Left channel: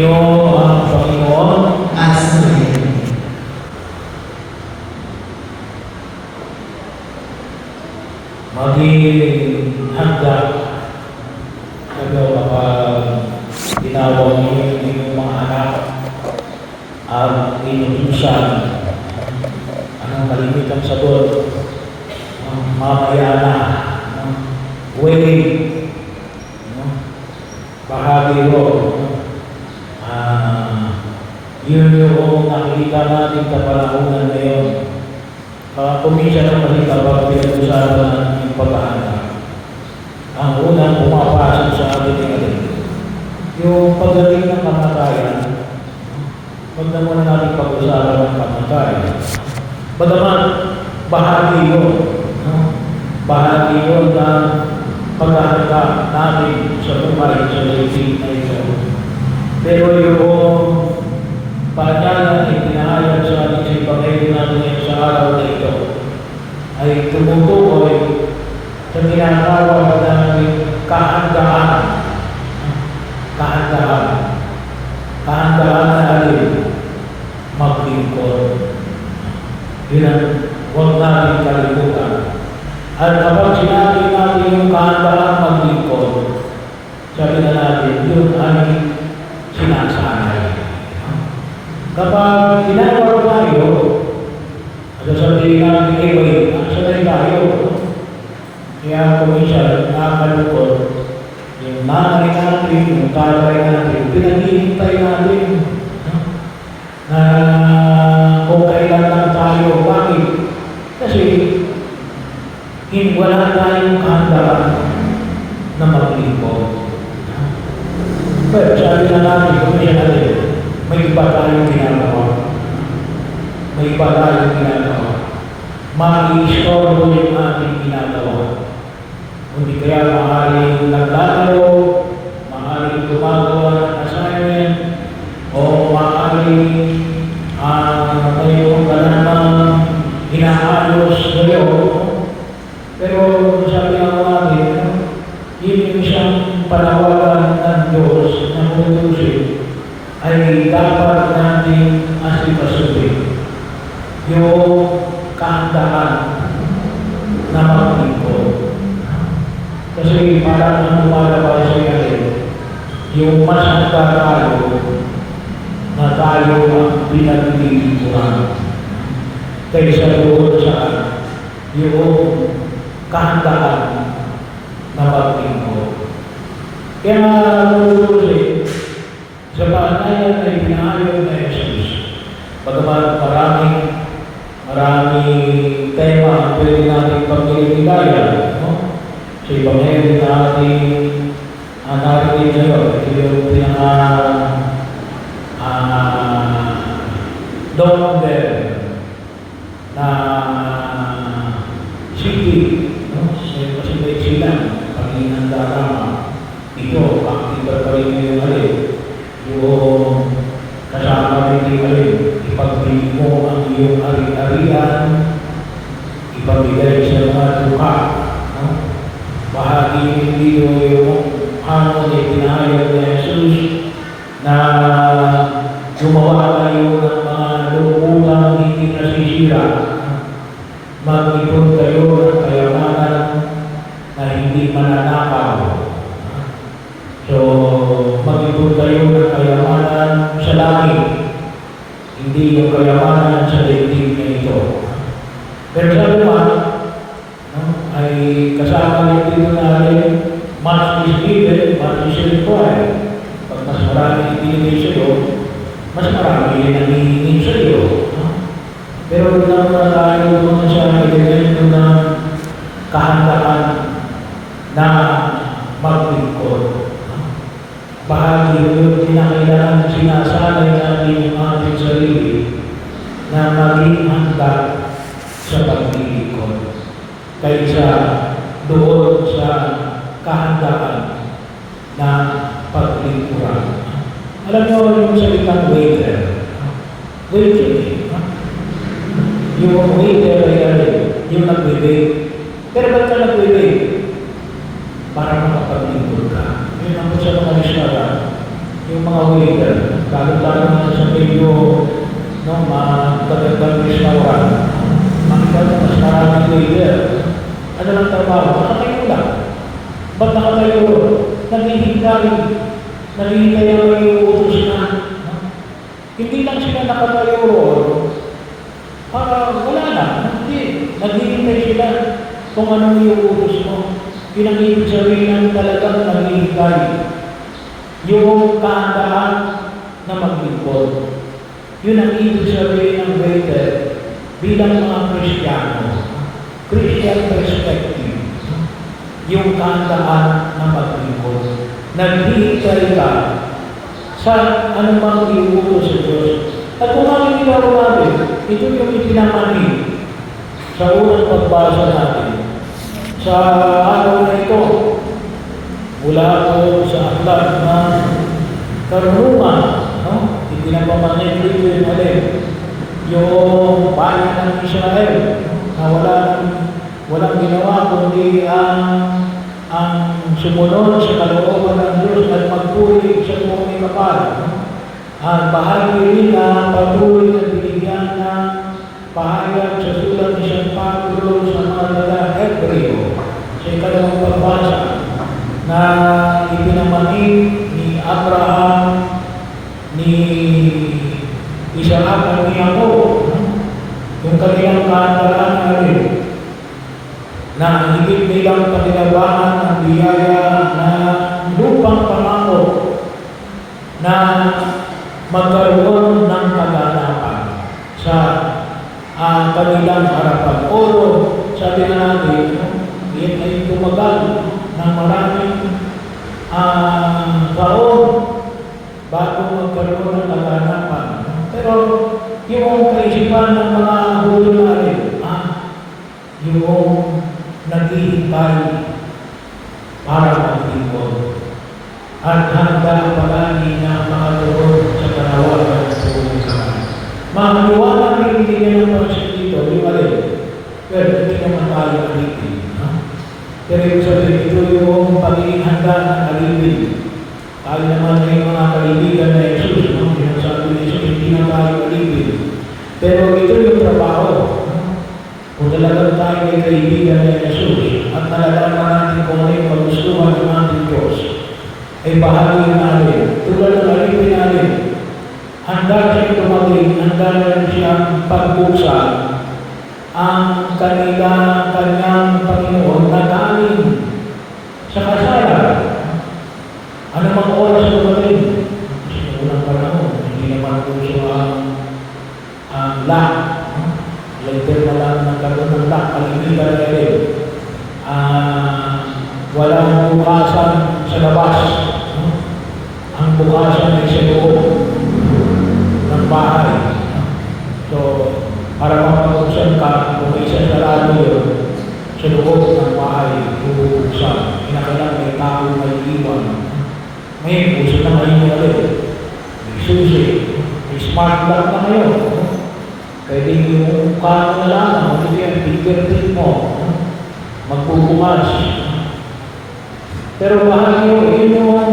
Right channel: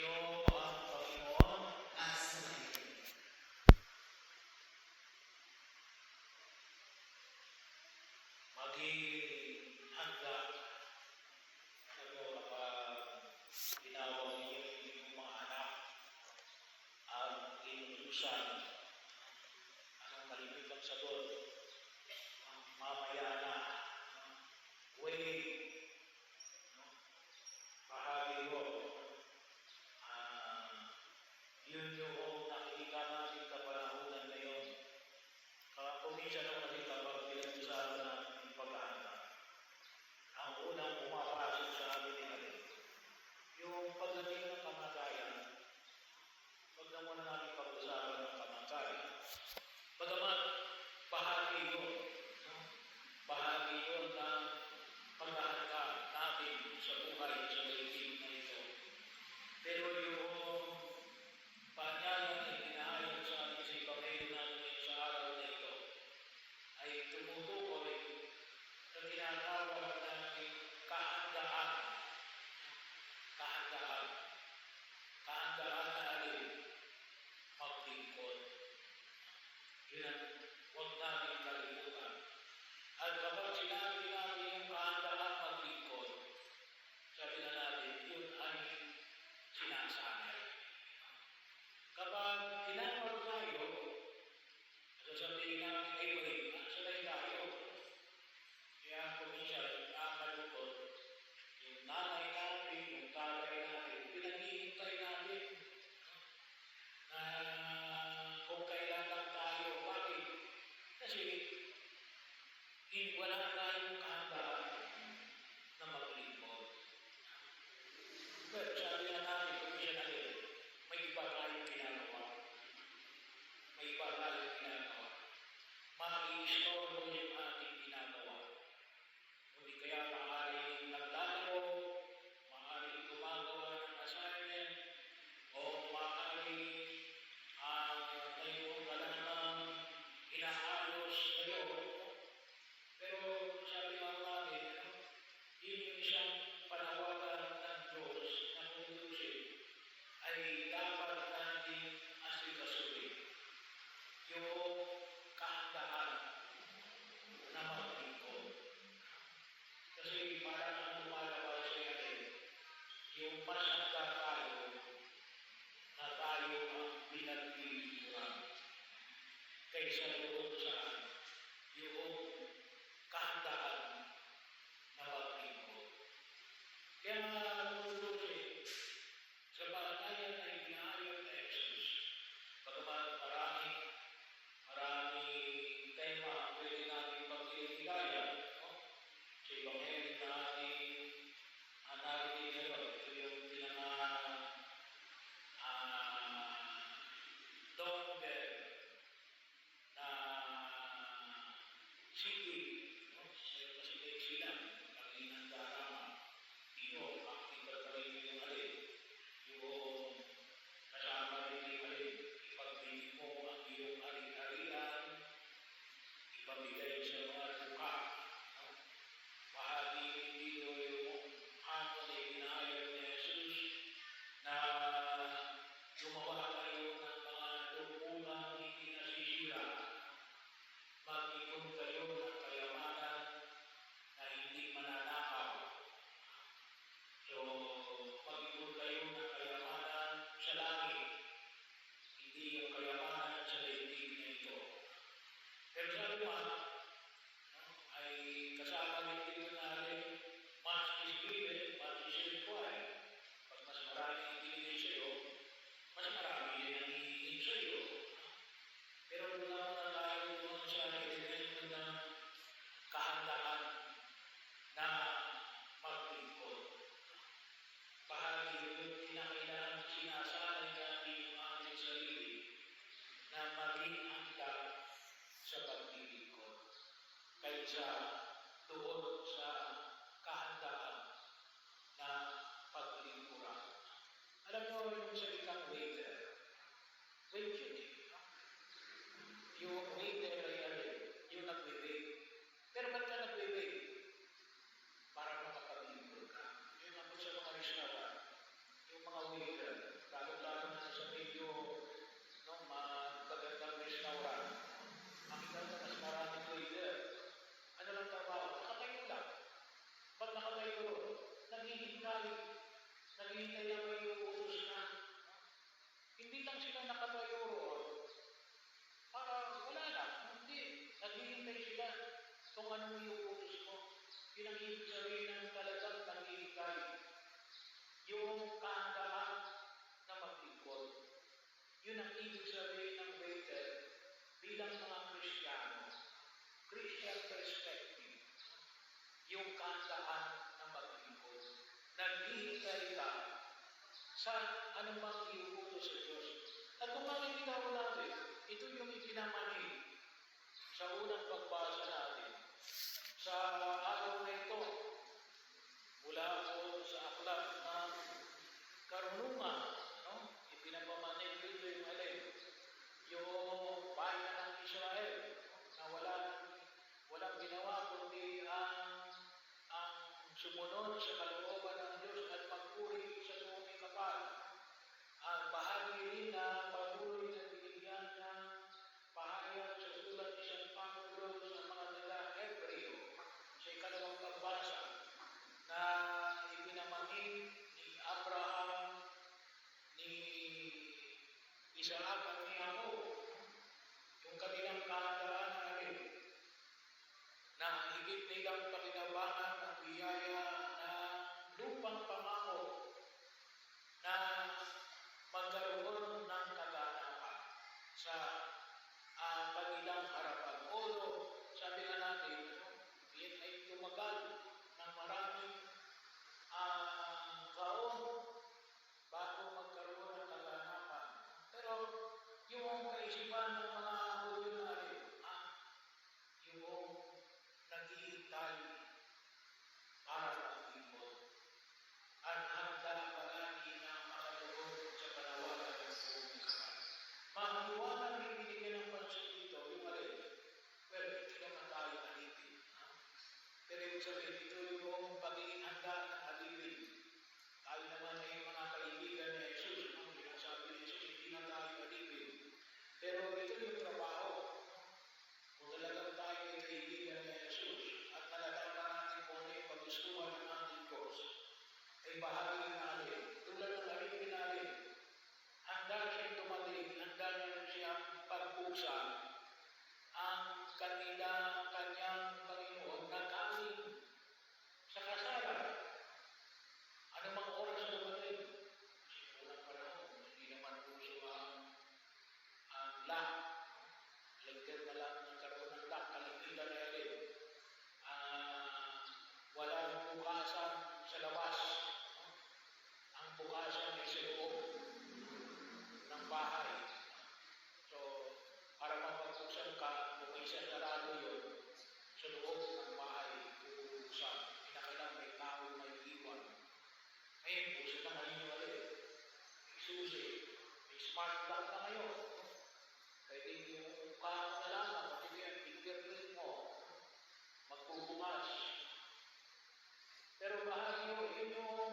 Sumainyo ang Panginoon at sumayin. Maging handa kayo kapag tinawag niyo yung inyong mga anak at inutusan. Anong kalimitang sagot? Mamaya na. Wait. Bahagi ko. Yun yung nakikita natin kapalakunan ngayon. Kuminsan ng kasi kapag pinag-usapan ng pag-aaral. Ang unang pumapasok sa atin ay yung pagdating ng kamatayan. Huwag na muna natin pag-usapan ng kamatayan. Bagaman, bahagi yun. Bahagi yun na pag-aaral natin sa buhay sa daigdig na ito. Pero yung paanyala ay pinahayag sa ating sa Ebanghelyo natin ngayon sa araw na ito ay tumutukoy sa tinatawag namin kahandaan. Kahandaan. Kahandaan na alin? Maglingkod. Yun ang huwag natin kalimutan. At kapag sinabi natin yung kahandaan maglingkod, sabi na natin, yun ay sinasanay. Kapag tinawag tayo, sasabihin natin, wait, sanay tayo. Kaya kuminsan, nakakalukot, yung nanay natin, yung tatay natin, pinaghihintay natin na kung kailan lang tayo. Bakit? Kasi wala tayong kahandaan na maglingkod. Pero sabi na natin, kuminsan natin, may iba tayong ginagawa. May iba tayong ginagawa. Mag-i-istorbo yung ating ginagawa. Hindi kaya maaaring naglalaro, maaaring gumagawa ng assignment, o maaaring mayroon ka namang inaayos ngayon. Pero sabi nga natin, yun yung isang panawagan ng Diyos na kutusin ay dapat natin asipasutin yung kahandaan na maglingkod. Kasi parang ang lumalabas sa iyo, yung mas handa tayo na tayo ang pinaglilingkuran kaysa doon sa yung kahandaan na maglingkod. Kaya kutusin, sa paanayan ay pinahayag na Jesus. Bagaman maraming tema ang pwede natin pagkiligayan. Sa Ebanghelyo natin narinig ngayon, ito yung number na city. Kasi may silang Panginoon Darama. Ito, active pa rin yung alin. Yung kasama rin yung alin, ipagbili mo ang iyong ari-arian, ipabigay sa mga luka. Bahagi yung dito yung hamon ay pinahayag na Jesus na gumawa kayo ng mga lupunang hindi nasisira. Mag-ipon kayo ng kayamanan na hindi mananakaw. So, mag-ipon kayo ng kayamanan sa langit, hindi yung kayamanan sa daigdig na ito. Pero sa naman, ay kasama dito natin, much is given, much is required. Pag mas marami ibinigay sa iyo, mas marami rin ang hihingin sa iyo. Pero naman tayo doon sa elemento na kahandaan na maglingkod. Bahagi yung kinakailangan sinasanay natin yung ating sarili na maging handa sa paglilingkod kaysa doon sa kahandaan na paglingkuran. Alam niyo yung salitang waiter. Waiter. Yung waiter ay yung nag-wait. Pero ba't ka nag-wait? Para makapaglingkod ka. Yun ang sa mga restaurant, yung mga waiter, leader. Ano lang trabaho? Nakatayo lang. Ba't nakatayo? Naghihintay. Naghihintay ang may utos na. Hindi lang sila nakatayo para wala na. Hindi. Naghihintay sila kung anong iuutos mo. Yun ang ibig sabihin ng talagang naghihintay. Yung kahandaan na maglingkod. Yun ang ibig sabihin ng waited bilang mga Kristiyano. Christian perspective. Yung kahandaan na maglingkod. Naghihintay ka sa anumang iuutos sa Diyos. At kung ang ginagawa natin, ito yung ipinamani sa unang pagbasa natin. Sa araw na ito, mula po sa aklat ng karunungan, no? Ipinapamani dito yung alin, yung bayan ng Israel na walang ginawa kundi ang sumunod sa kalooban ng Diyos at magpuri sa buong kapal. Ang bahagi nila patuloy na binigyan ng pahayag sa sulat ni San Pablo sa mga taga-Hebreo sa ikalawang pagbasa na ipinamani ni Abraham, ni Isaac at ni Jacob yung kanilang kahandaan natin na higit nilang panilabangan ang biyaya na lupang pangako na magkaroon ng kaganapan sa kanilang harapan. O sabi na natin, yan ay tumagal ng maraming taon bago magkaroon ng kaganapan. Pero yung kaisipan ng mga hulo natin, yung naghihintay para maglingkod at handa palagi na makatuon sa kanawagan ng buong kamay. Makaliwanag na ibigay ng pansin dito, yung alin. Pero hindi naman tayo alipin. Pero yung sabihin, ito yung pagiging handa ng alipin. Tayo naman ay mga kaibigan na Jesus, sinasabi ni Jesus, hindi na tayo alipin. Pero ito yung trabaho. Kung talagang tayo ay kaibigan na Jesus at nalalaman natin kung ano yung paggustuhan ng ating Diyos, ay bahagi natin. Tulad ng alipin natin, handa siyang tumating, handa rin siyang pagbuksan ang kanyang Panginoon na galing sa kasalan. Ano mang oras tumating? Sa unang panahon, hindi naman puso ang lock. Later na lang nagkaroon ng lock, kalimutan na rin. Walang bukasan sa labas. Ang bukasan ay sa loob ng bahay. So, para mapag-usan ka, kung may isang sarado yun, sa loob ng bahay, bubuksan. Kinakailangan may tao, may iwan. May puso na ngayon ulit. May susi. May smart lock na ngayon. Pwede yung kano na lang, ano yan, fingerprint mo. Magbubukas. Pero bahagi yun yung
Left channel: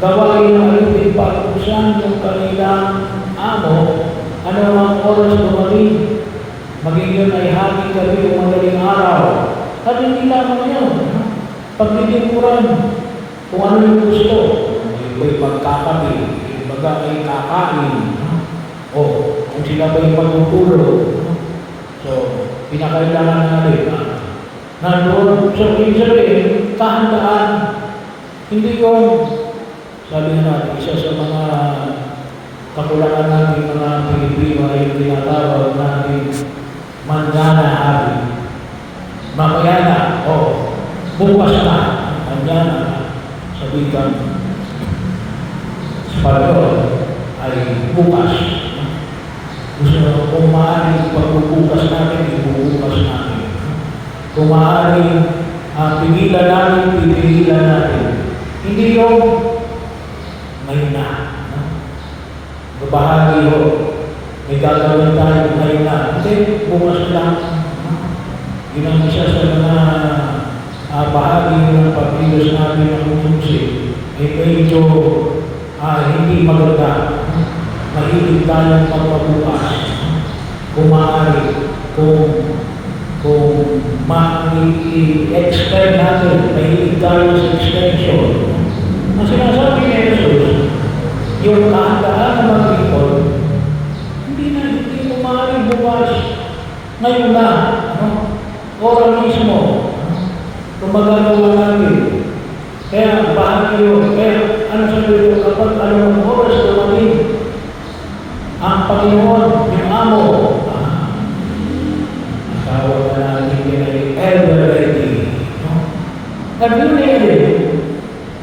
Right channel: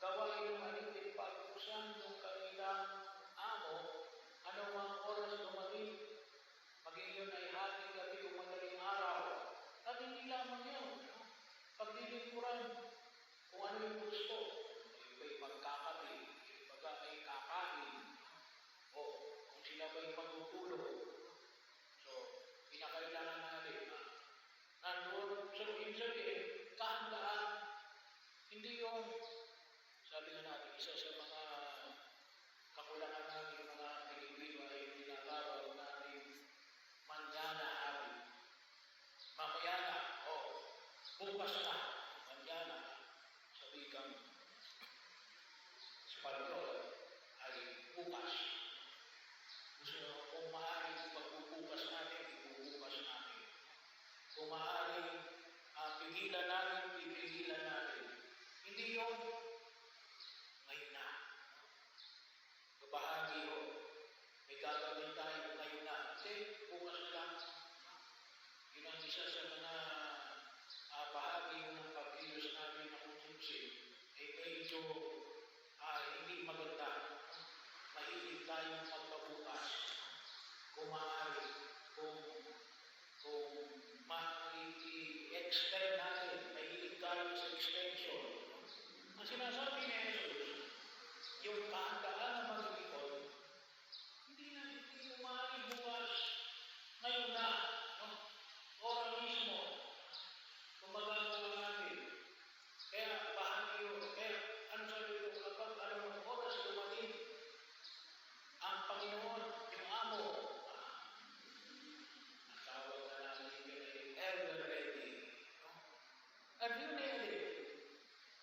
gawain ng alipin pag-usan yung kanilang amo, ano ang oras dumating, maging yun ay hangin gabi o madaling araw. At hindi lamang yun. Paglilipuran, kung ano yung gusto, may magkakabi, yung baga ay kakain, o kung sila ba'y magtutulog. So, pinakailangan natin nandun. So, ibig sabihin, kahandaan, hindi yung sabi na natin, isa sa mga kakulangan natin mga Pilipino ay tinatawag natin manana hari. Mamaya na, bukas na, manana, sabihin Espanyol ay bukas. Gusto kung maaaring pagbubukas natin, ibubukas natin. Kung maaaring pigilan natin, pigilan natin. Hindi yung ngayon na. Bahagi ho. May gagawin tayo ngayon na. Kasi bukas lang. Yun ang isa sa mga bahagi ng pagkilos natin ng utusin. Ay medyo hindi maganda. Mahilig tayong magpabukas. Kung maaari, kung kung ma-extend natin, may tayo sa extension. Ang sinasabi ni Jesus, yung kahandaan na maglingkod, hindi mo maaaring bukas. Ngayon na, oras mismo, kung magagawa natin. Kaya bahagi yun. Kaya ano sabi ko, kapag anong oras dumating, ang Panginoon, yung amo, tawag na natin yun ay ever ready. Nag-ready,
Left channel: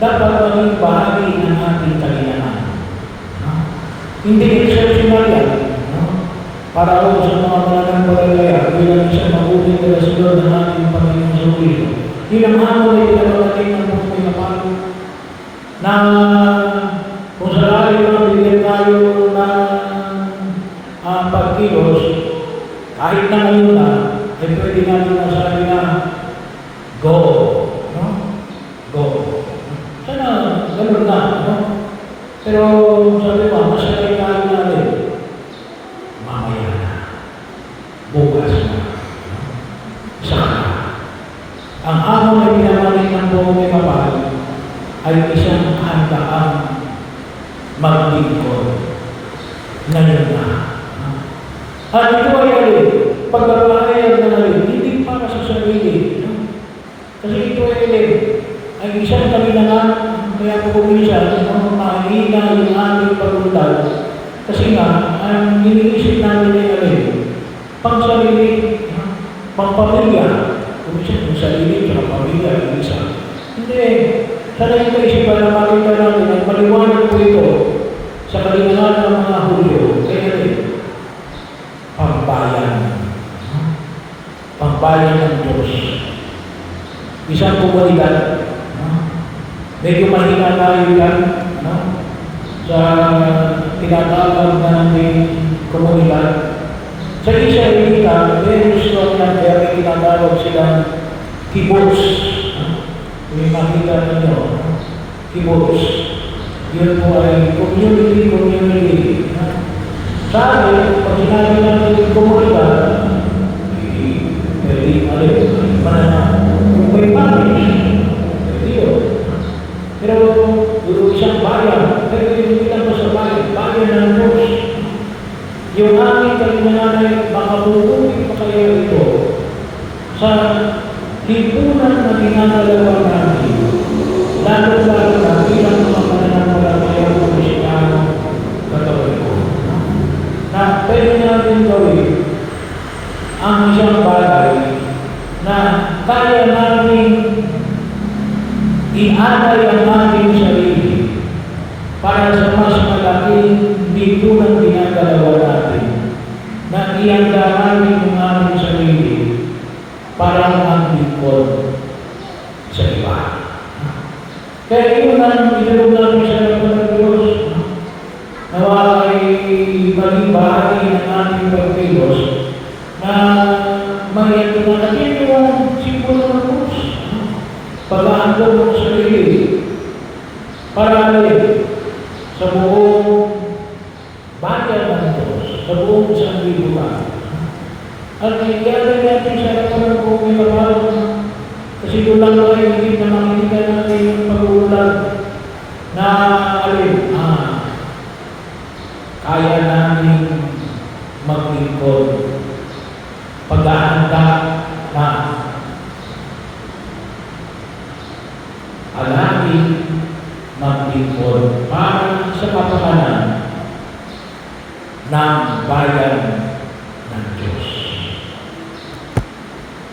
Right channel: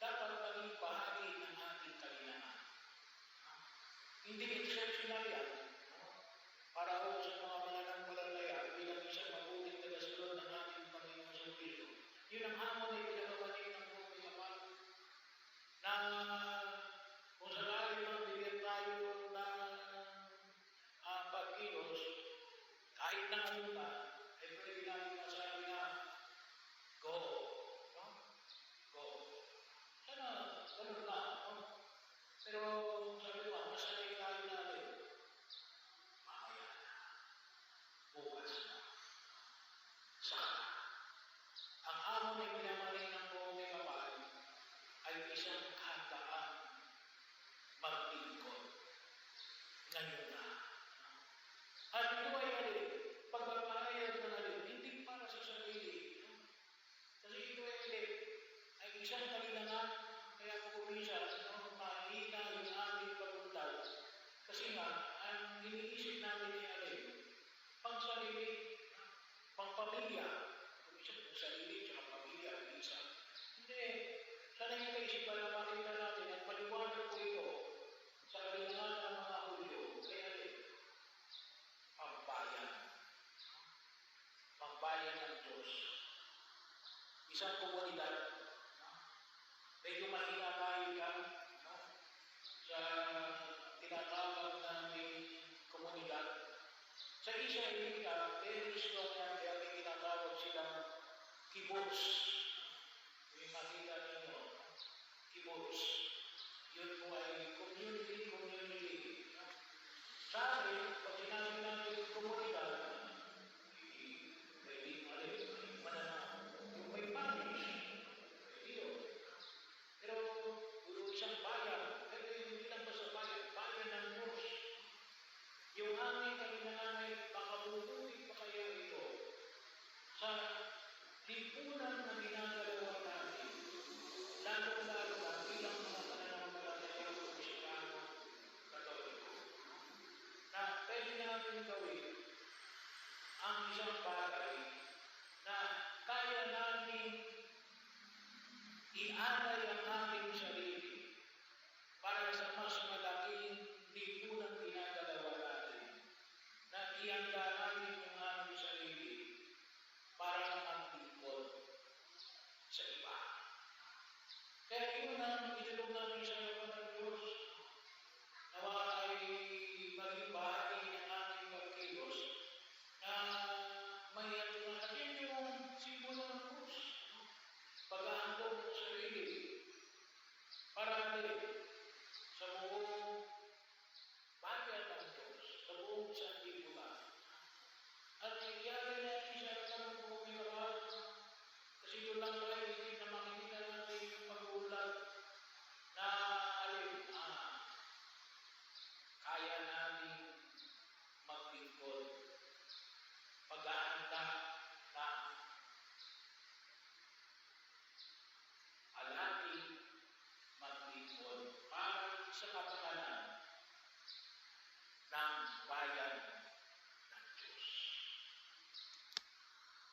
dapat maging bahagi ng ating kalinahan. Hindi exceptional yan. Para ako sa mga mananampalataya, bilang isang mabuting relasyon ng ating Panginoon sa Kristo. Yun ang amo na pinagpapatay ng buhay na palo. Na kung sarali mo bigyan tayo ng pagkilos, kahit na ngayon na, ay pwede natin masabi na, go. Go. Sana, gano'n na. Pero sabi mo, masabi tayo natin, mamaya na, bukas na, saka. Ang amo na pinamalit ng buong kapal ay isang handaang maglingkod ngayon na. At ito ay alin, pagbabayad na alin, hindi para sa sarili. Kasi ito ay alin, ay isang kalinangan, kaya po kuminsan, mahina yung ating pagpuntal. Kasi nga, ang iniisip natin ay alin, pang sarili, pang pamilya, kuminsan yung sarili, yung pamilya, yung isa. Hindi, sana ito isipan na makita natin, at maliwanag po ito sa kalinangan ng mga Hulyo. Kaya alin, pangbayan ng Diyos. Isang komunidad, medyo mahina tayo yan, sa tinatawag natin komunidad. Sa Israelita, very strong yan, kaya may tinatawag silang kibbutz. Kung makita ninyo, kibbutz. Yun po ay community. Sa akin, pag sinabi natin yung komunidad, kung may parish, pero isang bayan, pero hindi lang sa bayan ng Diyos. Yung aming kalinangan ay makabubuti pa kayo ito sa lipunan na ginagalawa natin, lalo-lalo na bilang mga mananampalataya ng Kristiyano Katoliko. Na pwede natin gawin ang isang bagay na kaya namin ianay ang ating sarili para sa mas malaking lipunan ginagalawa natin, na ianda namin ang aming sarili para maglingkod sa iba. Kaya yun ang inulog namin sa harapan ng Diyos, nawa ay maging bahagi ng ating pagkilos na mayroon na natin yung simbolo ng Diyos. Pag-aandog ng sarili para sa buong bayan ng Diyos, sa buong sanlibutan. At nangyari natin sa harapan ng buong kapal, kasi doon lang tayo hindi na makikita natin yung pag-uulan na kaya namin maglingkod, pag-aanda na alangin maglingkod para sa kapakanan ng bayan ng Diyos.